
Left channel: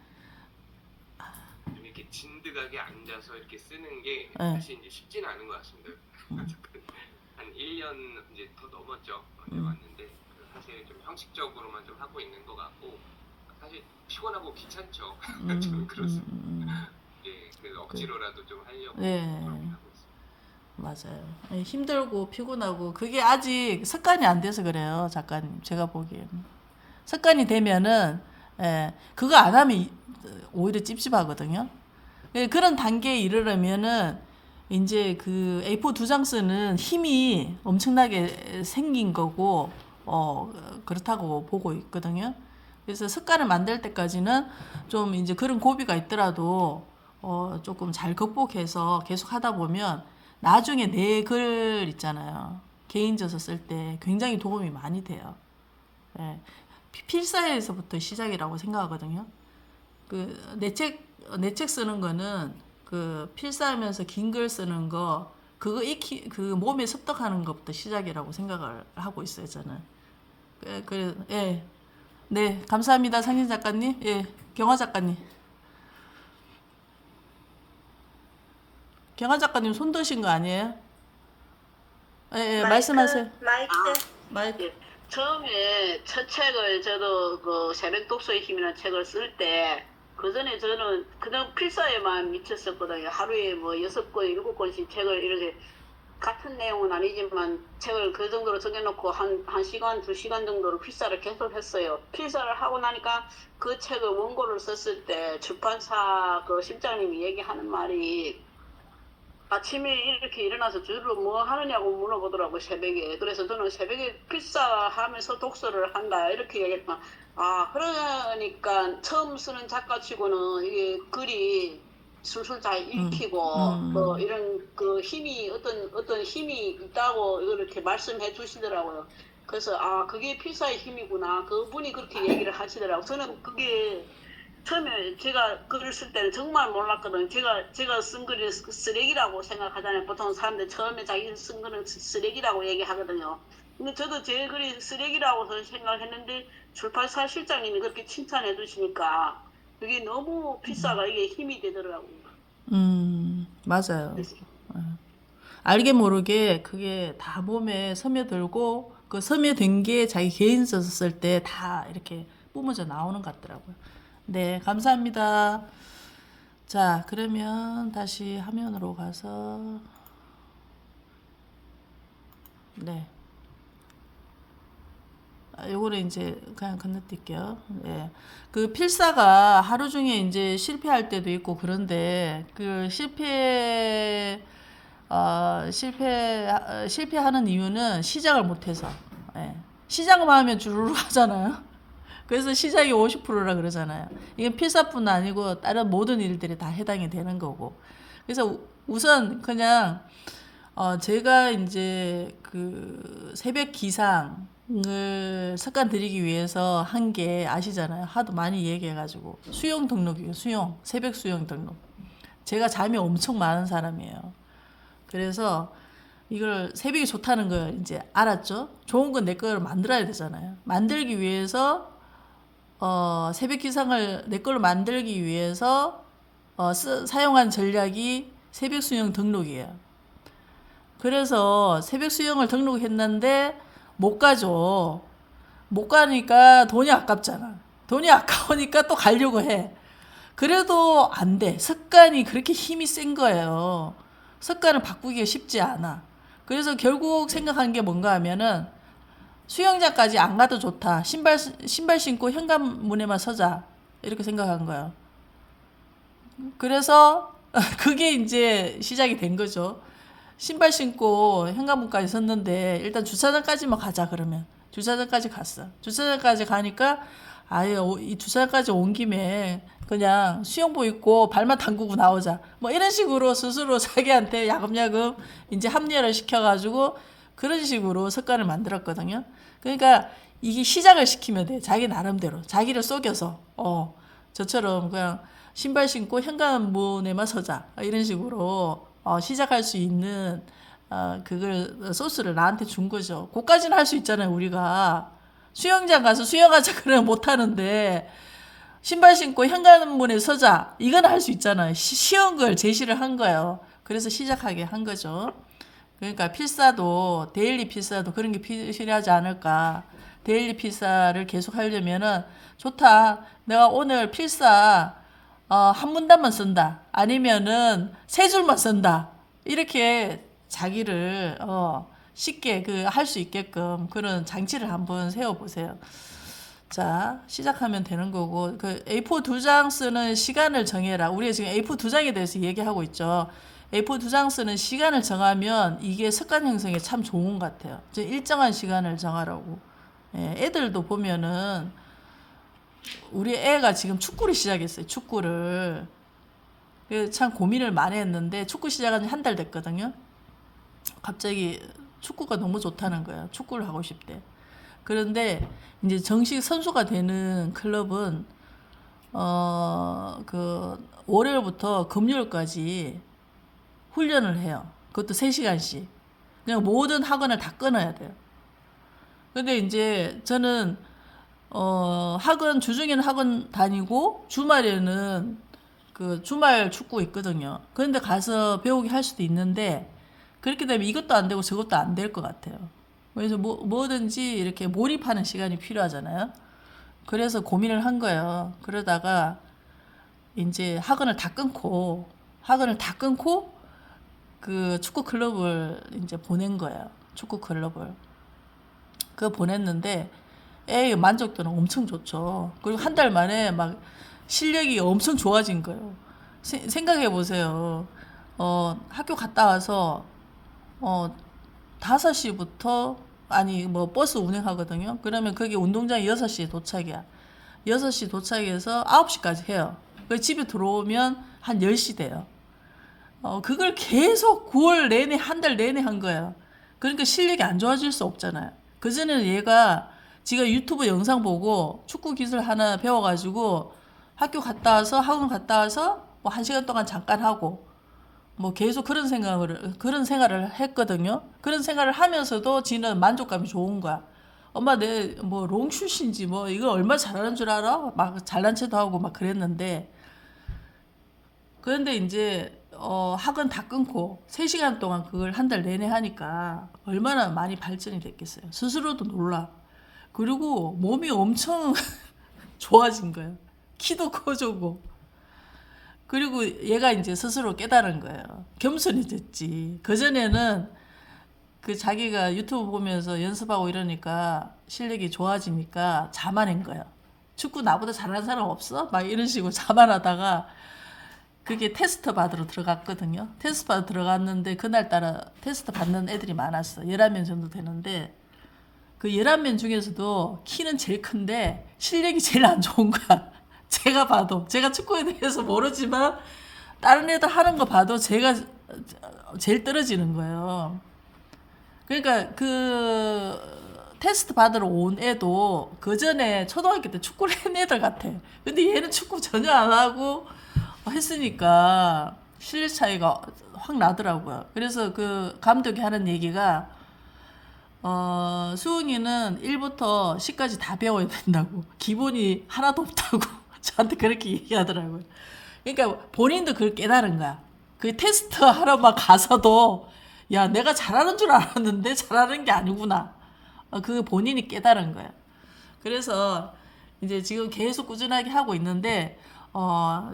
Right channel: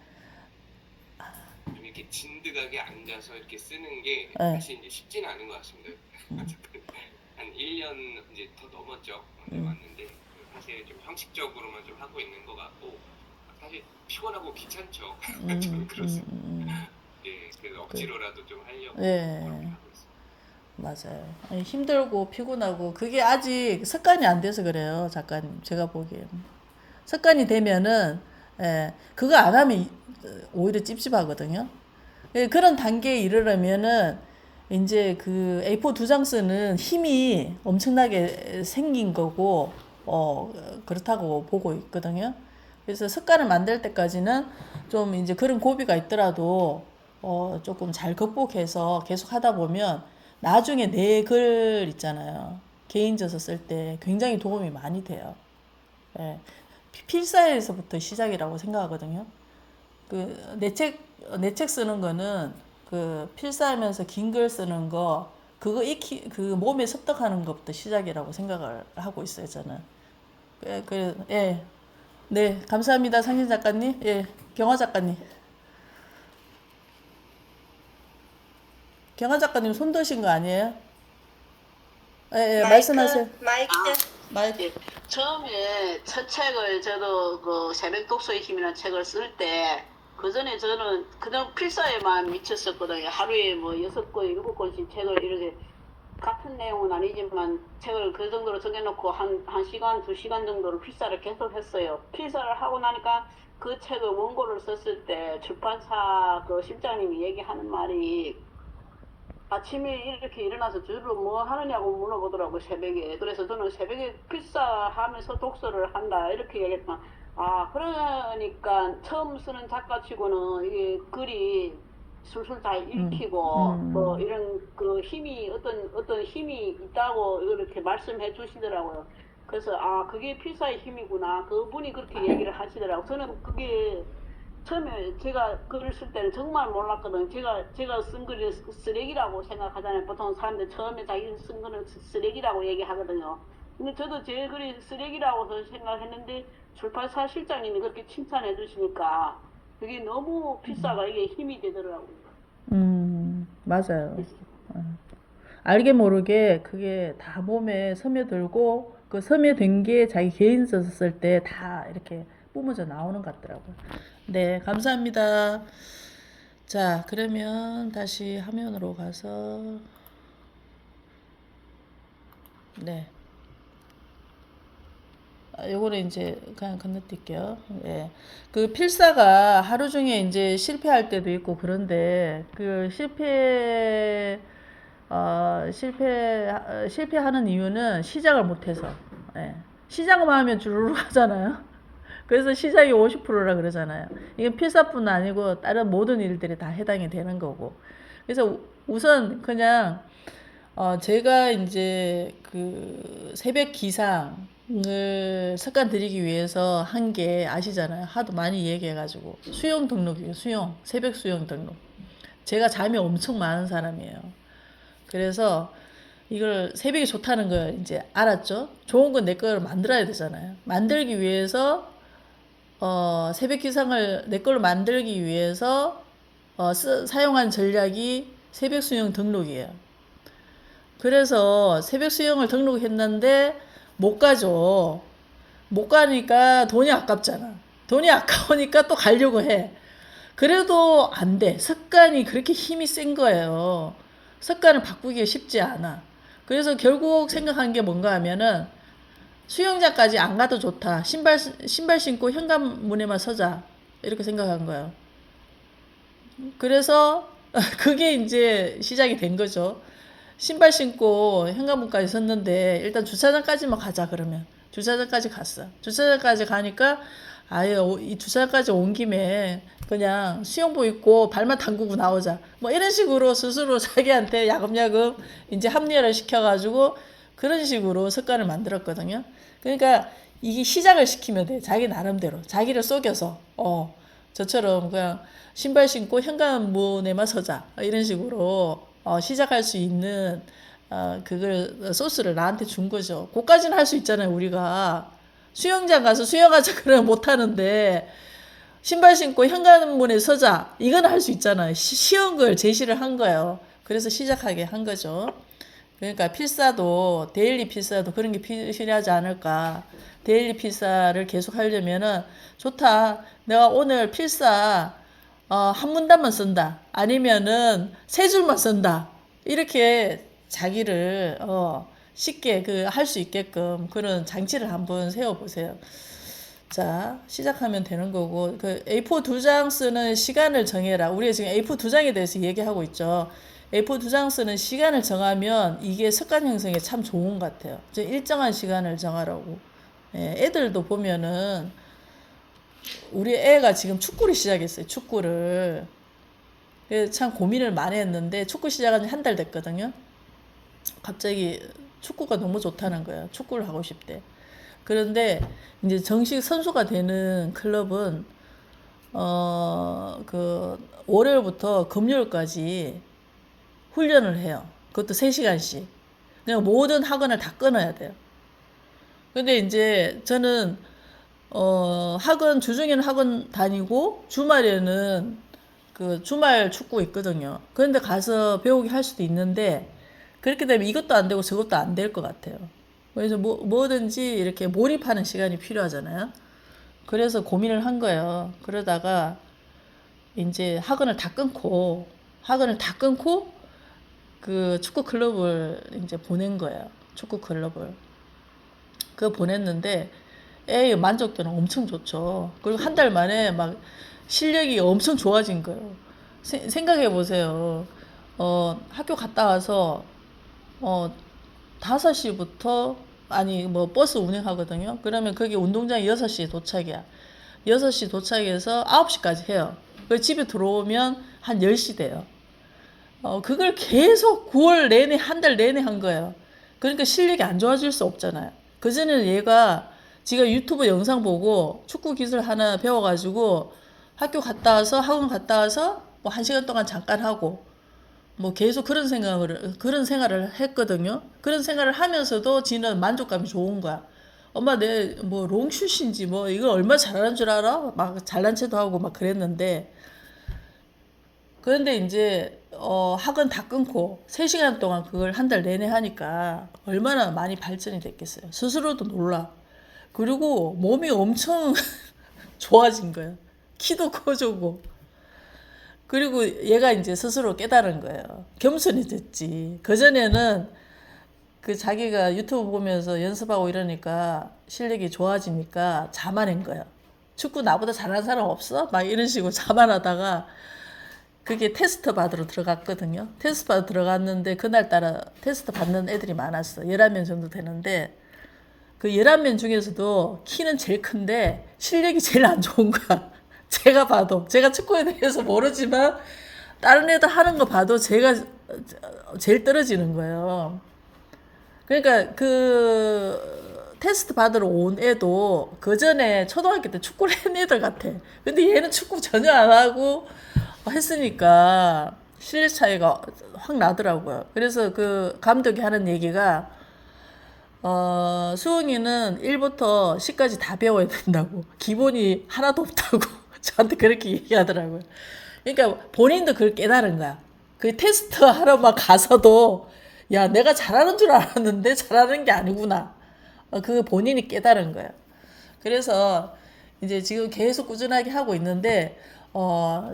이렇게 진득하게 앉아서 이렇게 쓰는 게 네. 사실 이제 쉽지는 않은 것 같습니다. 한 1년 이제 더 넘었죠. 왔는데 사실 좀 형식적으로만 좀 하고 있는 것 같고 사실 피곤하고 귀찮죠. 저는 그렇습니다. 예, 그래서 억지로라도 좀 하려고 예. 하고 있습니다. 맞아요. 아니, 힘들고 피곤하고 그게 아직 습관이 안 돼서 그래요, 작가님. 제가 보기에는 습관이 되면은 그거 안 하면 오히려 찝찝하거든요. 그런 단계에 이르려면은 이제 그 A4 두 장 쓰는 힘이 엄청나게 생긴 거고 그렇다고 보고 있거든요. 그래서 습관을 만들 때까지는 좀 이제 그런 고비가 있더라도 조금 잘 극복해서 계속 하다 보면 나중에 내 글 있잖아요. 개인져서 쓸 때 굉장히 도움이 많이 돼요. 예. 필사에서부터 시작이라고 생각하거든요. 그 내 책 쓰는 거는 그 필사하면서 긴 글 쓰는 거 그거 그 몸에 습득하는 것부터 시작이라고 생각을 하고 있어요, 저는. 예. 네, 감사합니다, 상진 작가님. 예, 경화 작가님. 경화 작가님 손 드신 거 아니에요? 예, 말씀하세요. 마이크. 예. 처음에 첫 책을 저도 그 새벽 독서의 힘이라는 책을 쓸 때 그 전에 저는 그냥 필사에만 미쳤었거든요. 하루에 뭐 6권, 7권씩 책을 이렇게 같은 내용은 아니지만 책을 그 정도로 정해놓고 한 시간, 2시간 정도로 필사를 계속 했어요. 필사를 하고 나니까 그 책을 원고를 썼을 때 출판사 그 실장님이 얘기하는 말이 아침에 이렇게 일어나서 주로 뭐 하느냐고 물어보더라고요, 새벽에. 그래서 저는 새벽에 필사하면서 독서를 한다, 이렇게 얘기했다. 그러니까 처음 쓰는 작가치고는 이게 글이 술술 잘 읽히고, 뭐 이런 그 힘이, 어떤 힘이 있다고 이렇게 말씀해 주시더라고요. 그래서, 그게 필사의 힘이구나. 그분이 그렇게 얘기를 하시더라고요. 저는 그게 처음에 제가 글을 쓸 때는 정말 몰랐거든요. 제가 쓴 글이 쓰레기라고 생각하잖아요. 보통 사람들 처음에 자기 쓴 글은 쓰레기라고 얘기하거든요. 근데 저도 제 글이 쓰레기라고 생각했는데 출판사 실장님이 그렇게 칭찬해 주시니까 그게 너무 필사가 이게 힘이 되더라고요. 맞아요. 알게 모르게 그게 다 몸에 스며들고 그 스며든 게 자기 개인서 쓸 때 다 이렇게 뿜어져 나오는 것 같더라고요. 네, 감사합니다. 자, 그러면 다시 화면으로 가서 네. 요거는 이제 그냥 건너뛸게요. 예. 그 필사가 하루 중에 이제 실패할 때도 있고 그런데 그 실패하는 이유는 시작을 못해서. 예. 시작만 하면 주르륵 하잖아요. 그래서 시작이 50%라 그러잖아요. 이건 필사뿐 아니고 다른 모든 일들이 다 해당이 되는 거고. 그래서 우선 그냥 제가 이제 그 새벽 기상을 습관 들이기 위해서 한 게 아시잖아요. 하도 많이 얘기해가지고 수영 등록이에요. 새벽 수영 등록. 제가 잠이 엄청 많은 사람이에요. 그래서 이걸 새벽이 좋다는 걸 이제 알았죠. 좋은 건 내 거를 만들어야 되잖아요. 만들기 위해서 새벽 기상을 내 걸로 만들기 위해서 사용한 전략이 새벽 수영 등록이에요. 그래서 새벽 수영을 등록했는데 못 가죠. 못 가니까 돈이 아깝잖아. 돈이 아까우니까 또 가려고 해. 그래도 안 돼. 습관이 그렇게 힘이 센 거예요. 습관을 바꾸기가 쉽지 않아. 그래서 결국 생각한 게 뭔가 하면은 수영장까지 안 가도 좋다. 신발 신고 현관문에만 서자. 이렇게 생각한 거예요. 그래서 그게 이제 시작이 된 거죠. 신발 신고 현관문까지 섰는데 일단 주차장까지만 가자 그러면 주차장까지 갔어. 주차장까지 가니까 아예 이 주차장까지 온 김에 그냥 수영복 입고 발만 담그고 나오자. 뭐 이런 식으로 스스로 자기한테 야금야금 이제 합리화를 시켜가지고 그런 식으로 습관을 만들었거든요. 그러니까 이게 시작을 시키면 돼. 자기 나름대로. 자기를 속여서. 저처럼 그냥 신발 신고 현관문에만 서자. 이런 식으로 시작할 수 있는 그걸 소스를 나한테 준 거죠. 그까지는 할 수 있잖아요. 우리가 수영장 가서 수영하자 그러면 못 하는데 신발 신고 현관문에 서자 이건 할 수 있잖아요. 쉬운 걸 제시를 한 거예요. 그래서 시작하게 한 거죠. 그러니까 필사도 데일리 필사도 그런 게 필요하지 않을까. 데일리 필사를 계속 하려면은 좋다. 내가 오늘 필사 한 문단만 쓴다. 아니면은 세 줄만 쓴다. 이렇게 자기를 쉽게 할 수 있게끔 그런 장치를 한번 세워보세요. 자, 시작하면 되는 거고 그 A4 2장 쓰는 시간을 정해라. 우리가 지금 A4 2장에 대해서 얘기하고 있죠. A4 2장 쓰는 시간을 정하면 이게 습관 형성에 참 좋은 것 같아요. 일정한 시간을 정하라고. 애들도 보면은 우리 애가 지금 축구를 시작했어요. 축구를. 참 고민을 많이 했는데 축구 시작한 지 한 달 됐거든요. 갑자기 축구가 너무 좋다는 거예요. 축구를 하고 싶대. 그런데 이제 정식 선수가 되는 클럽은 월요일부터 금요일까지 훈련을 해요. 그것도 3시간씩. 그냥 모든 학원을 다 끊어야 돼요. 근데 이제 저는 학원 주중에는 학원 다니고 주말에는 주말 축구 있거든요. 그런데 가서 배우기 할 수도 있는데 그렇게 되면 이것도 안 되고 저것도 안 될 것 같아요. 그래서 뭐든지 이렇게 몰입하는 시간이 필요하잖아요. 그래서 고민을 한 거예요. 그러다가 이제 학원을 다 끊고 그 축구 클럽을 이제 보낸 거예요. 축구 클럽을. 보냈는데 애의 만족도는 엄청 좋죠. 그리고 한 달 만에 막 실력이 엄청 좋아진 거예요. 생각해 보세요. 학교 갔다 와서 5시부터 버스 운행하거든요. 그러면 거기 운동장이 6시에 도착이야. 6시 도착해서 9시까지 해요. 집에 들어오면 한 10시 돼요. 그걸 계속 9월 내내 한 달 내내 한 거예요. 그러니까 실력이 안 좋아질 수 없잖아요. 그전에는 얘가 지가 유튜브 영상 보고 축구 기술 하나 배워가지고 학교 갔다 와서 학원 갔다 와서 뭐 1시간 동안 잠깐 하고 뭐 계속 그런 생활을 했거든요. 그런 생활을 하면서도 지는 만족감이 좋은 거야. 엄마 내 뭐 롱슛인지 뭐 이거 얼마나 잘하는 줄 알아? 막 잘난 체도 하고 막 그랬는데 그런데 이제 학원 다 끊고 3시간 동안 그걸 한 달 내내 하니까 얼마나 많이 발전이 됐겠어요. 스스로도 놀라. 그리고 몸이 엄청 좋아진 거예요. 키도 커지고. 그리고 얘가 이제 스스로 깨달은 거예요. 겸손해졌지. 그전에는 자기가 유튜브 보면서 연습하고 이러니까 실력이 좋아지니까 자만한 거예요. 축구 나보다 잘하는 사람 없어? 막 이런 식으로 자만하다가 그게 테스트 받으러 들어갔거든요. 테스트 받으러 들어갔는데 그날따라 테스트 받는 애들이 많았어. 11명 정도 되는데 그 11명 중에서도 키는 제일 큰데 실력이 제일 안 좋은 거야. 제가 봐도. 제가 축구에 대해서 모르지만 다른 애들 하는 거 봐도 제가 제일 떨어지는 거예요. 그러니까 테스트 받으러 온 애도 그 전에 초등학교 때 축구를 했는 애들 같아. 근데 얘는 축구 전혀 안 하고 했으니까 실력 차이가 확 나더라고요. 그래서 그 감독이 하는 얘기가 수은이는 1부터 10까지 다 배워야 된다고. 기본이 하나도 없다고 저한테 그렇게 얘기하더라고요. 그러니까 본인도 그걸 깨달은 거야. 그 테스트 하러만 가서도 야 내가 잘하는 줄 알았는데 잘하는 게 아니구나. 그 본인이 깨달은 거예요. 그래서 이제 지금 계속 꾸준하게 하고 있는데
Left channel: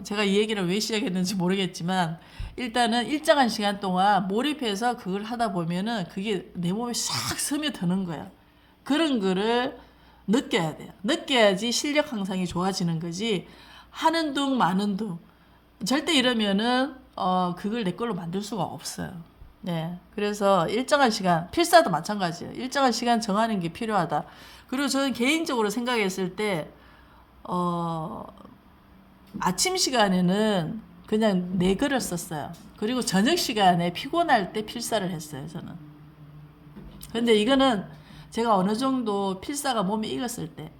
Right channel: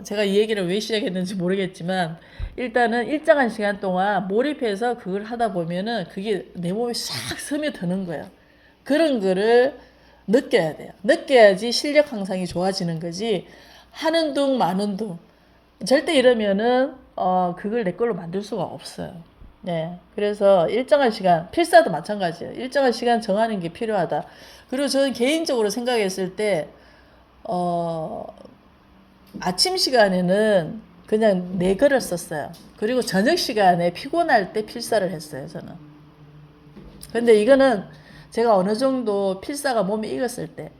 제가 이 얘기를 왜 시작했는지 모르겠지만 일단은 일정한 시간 동안 몰입해서 그걸 하다 보면은 그게 내 몸에 싹 스며드는 거예요. 그런 거를 느껴야 돼요. 느껴야지 실력 향상이 좋아지는 거지 하는 둥 마는 둥 절대 이러면은 그걸 내 걸로 만들 수가 없어요. 네. 그래서 일정한 시간, 필사도 마찬가지예요. 일정한 시간 정하는 게 필요하다. 그리고 저는 개인적으로 생각했을 때, 아침 시간에는 그냥 네 글을 썼어요. 그리고 저녁 시간에 피곤할 때 필사를 했어요, 저는. 근데 이거는 제가 어느 정도 필사가 몸에 익었을 때.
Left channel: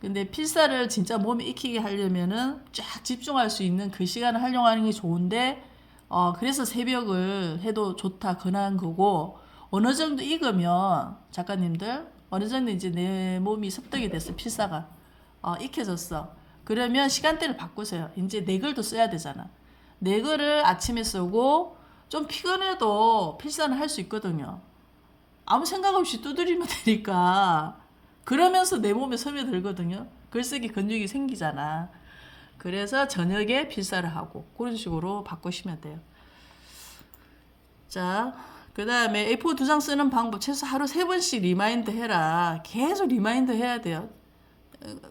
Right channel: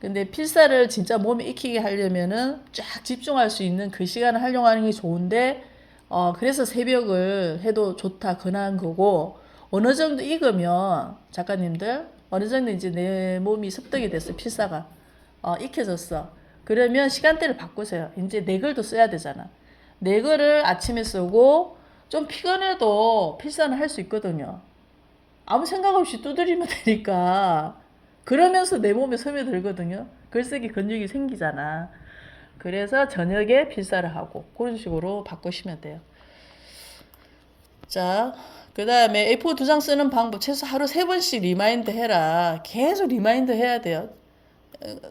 근데 필사를 진짜 몸에 익히게 하려면은 쫙 집중할 수 있는 그 시간을 활용하는 게 좋은데, 그래서 새벽을 해도 좋다, 근한 거고, 어느 정도 익으면, 작가님들, 어느 정도 이제 내 몸이 습득이 됐어, 필사가. 익혀졌어. 그러면 시간대를 바꾸세요. 이제 네 글도 써야 되잖아. 네 글을 아침에 쓰고, 좀 피곤해도 필사는 할 수 있거든요. 아무 생각 없이 두드리면 되니까. 그러면서 내 몸에 스며들거든요. 글쓰기 근육이 생기잖아. 그래서 저녁에 필사를 하고 그런 식으로 바꾸시면 돼요. 자, 그 다음에 A4 2장 쓰는 방법 최소 하루 3번씩 리마인드 해라. 계속 리마인드 해야 돼요.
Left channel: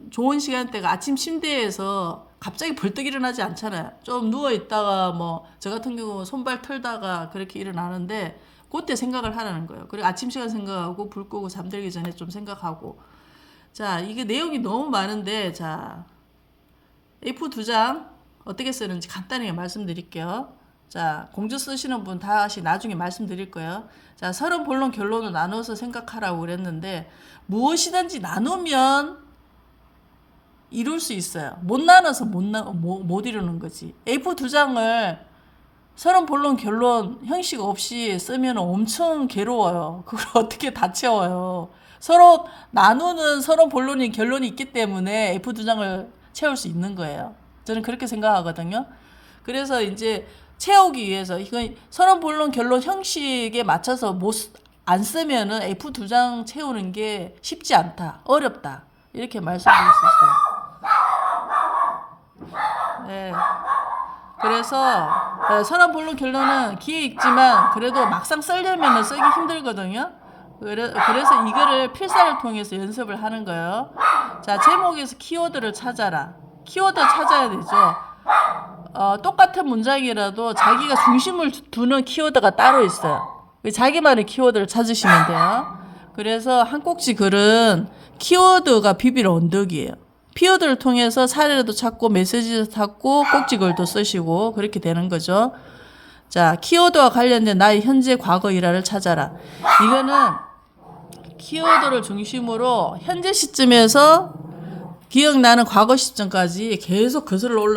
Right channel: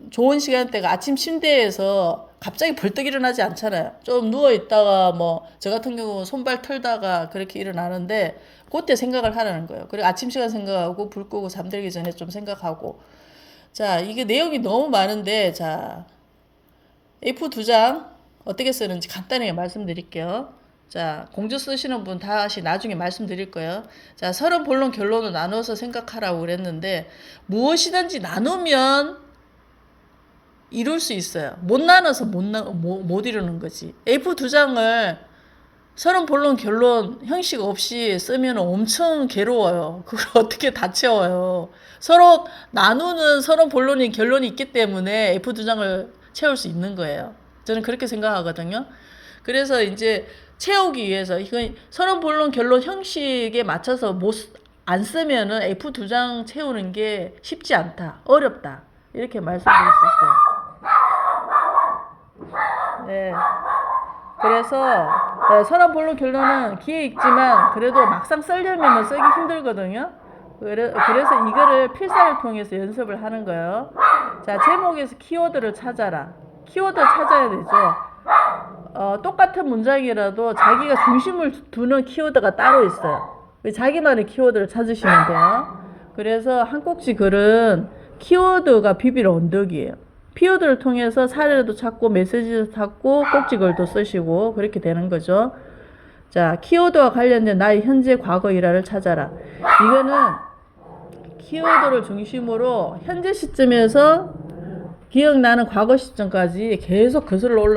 좋은 시간대가 아침 침대에서 갑자기 벌떡 일어나지 않잖아요. 좀 누워있다가 뭐 저 같은 경우 손발 털다가 그렇게 일어나는데 그때 생각을 하라는 거예요. 그리고 아침 시간 생각하고 불 끄고 잠들기 전에 좀 생각하고. 자, 이게 내용이 너무 많은데, 자, A4 2장 어떻게 쓰는지 간단하게 말씀드릴게요. 자, 공주 쓰시는 분 다시 나중에 말씀드릴 거예요. 자, 서론, 본론, 결론을 나눠서 생각하라고 그랬는데, 무엇이든지 나누면 이룰 수 있어요. 못 나눠서 못 이루는 거지. A4 2장을 서론, 본론, 결론 형식 없이 쓰면 엄청 괴로워요. 그걸 어떻게 다 채워요. 서로 나누는 서론, 본론이, 결론이 있기 때문에 A4 2장을 채울 수 있는 거예요. 저는 그렇게 생각하거든요. 그래서 이제 채우기 위해서 이건 서론, 본론, 결론 형식에 맞춰서 안 쓰면은 A4 2장 채우는 게 쉽지 않다. 어렵다. 이렇게 말씀드릴 수 있어요. 네. 그래서 서론, 본론, 결론은 기회 있지만 그래도 막상 쓰려면 쓰기 힘들거든요. 그래서 이거를 필사를 통해서 연습을 하는 거예요. 자, 제목에서 키워드를 찾아라. 키워드 찾아야 되죠. 똑같은 문장이라도 자기가 중심을 두는 키워드가 따로 있어요. 자기만의 키워드를 찾으시면 돼요. 그래서 한 꼭지 글은 키워드가 비빌 언덕이에요. 키워드를 통해서 사례도 찾고 메시지도 찾고 꼭지글도 쓰시고 그렇게 되는 거죠. 자, 키워드와 관련된 나의 현재 과거 일화를 찾아라. 이거는 키워드를 중심으로 현재 시점에서 기억나는 과거 시점까지 계속 거슬러 올라